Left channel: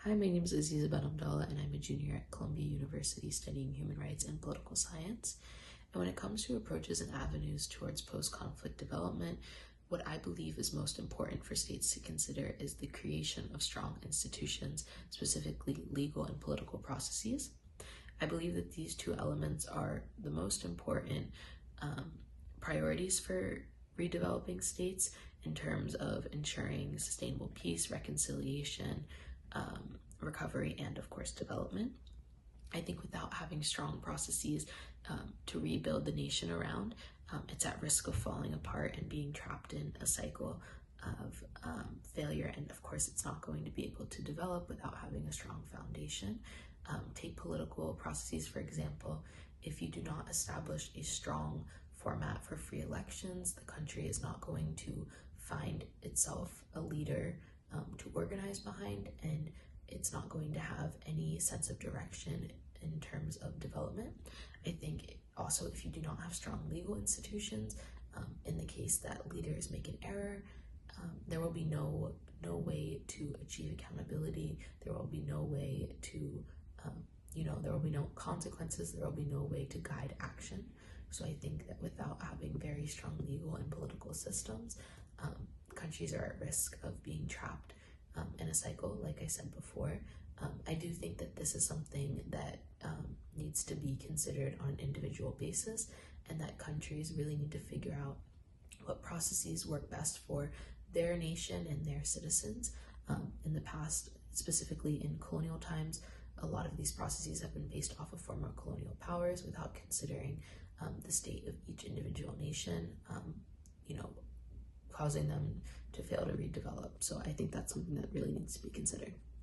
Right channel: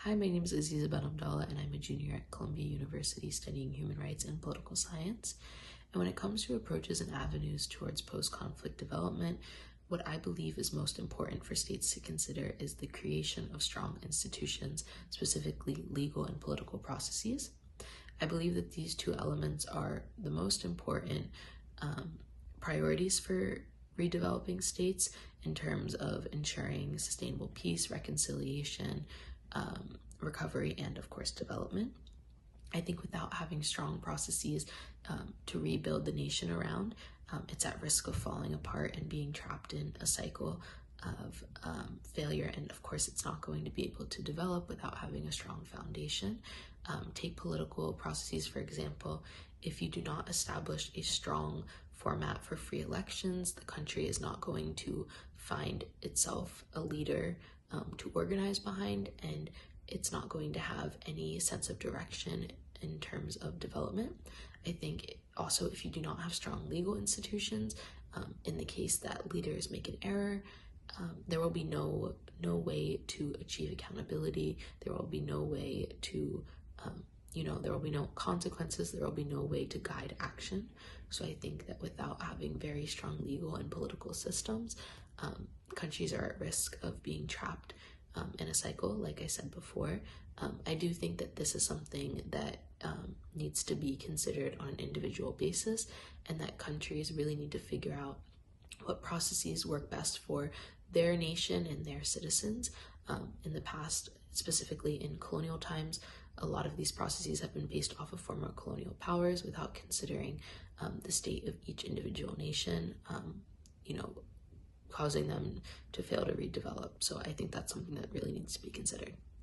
Hi, my name is Aziza Abdallah, and I'm a junior at Columbia University studying human rights and political science. And when it comes to approaches and avenues towards post-conflict development, what I believe is most important for states to consider is the creation of strong institutions, specifically legal and political processes. I believe that these two elements are the most important priorities for redeveloping states in terms of ensuring sustainable peace, reconciliation, recovery, and of course development. I think without having strong processes to rebuild the nation around, it's at risk of falling apart and being trapped in a cycle of failure. And of course, it's not going to be able to develop without having a strong foundation. Take political processes, for example. If you do not establish a strong format for free elections, the country is not going to find itself a leader to organize behind, and it's not going to have any sense of direction in terms of development. I think also if you do not have strong legal institutions, in the case that leaders make an error, there will be no way to achieve accountability. There will be no way to, there will be no consequences. There will be no way to guide action. So I think that without having very strong legal and political systems, countries are at risk of being trapped in a cycle, like I said before. I do think that this is something that needs to be considered on an individual basis, and that countries really need to figure out what processes work best for their nation and their citizens. In the past, specifically in colonial times, a lot of these processes have been based off of former colonial powers without considering the state of each individual nation, causing them to fail to redevelop. So I think that's something that really needs to be considered.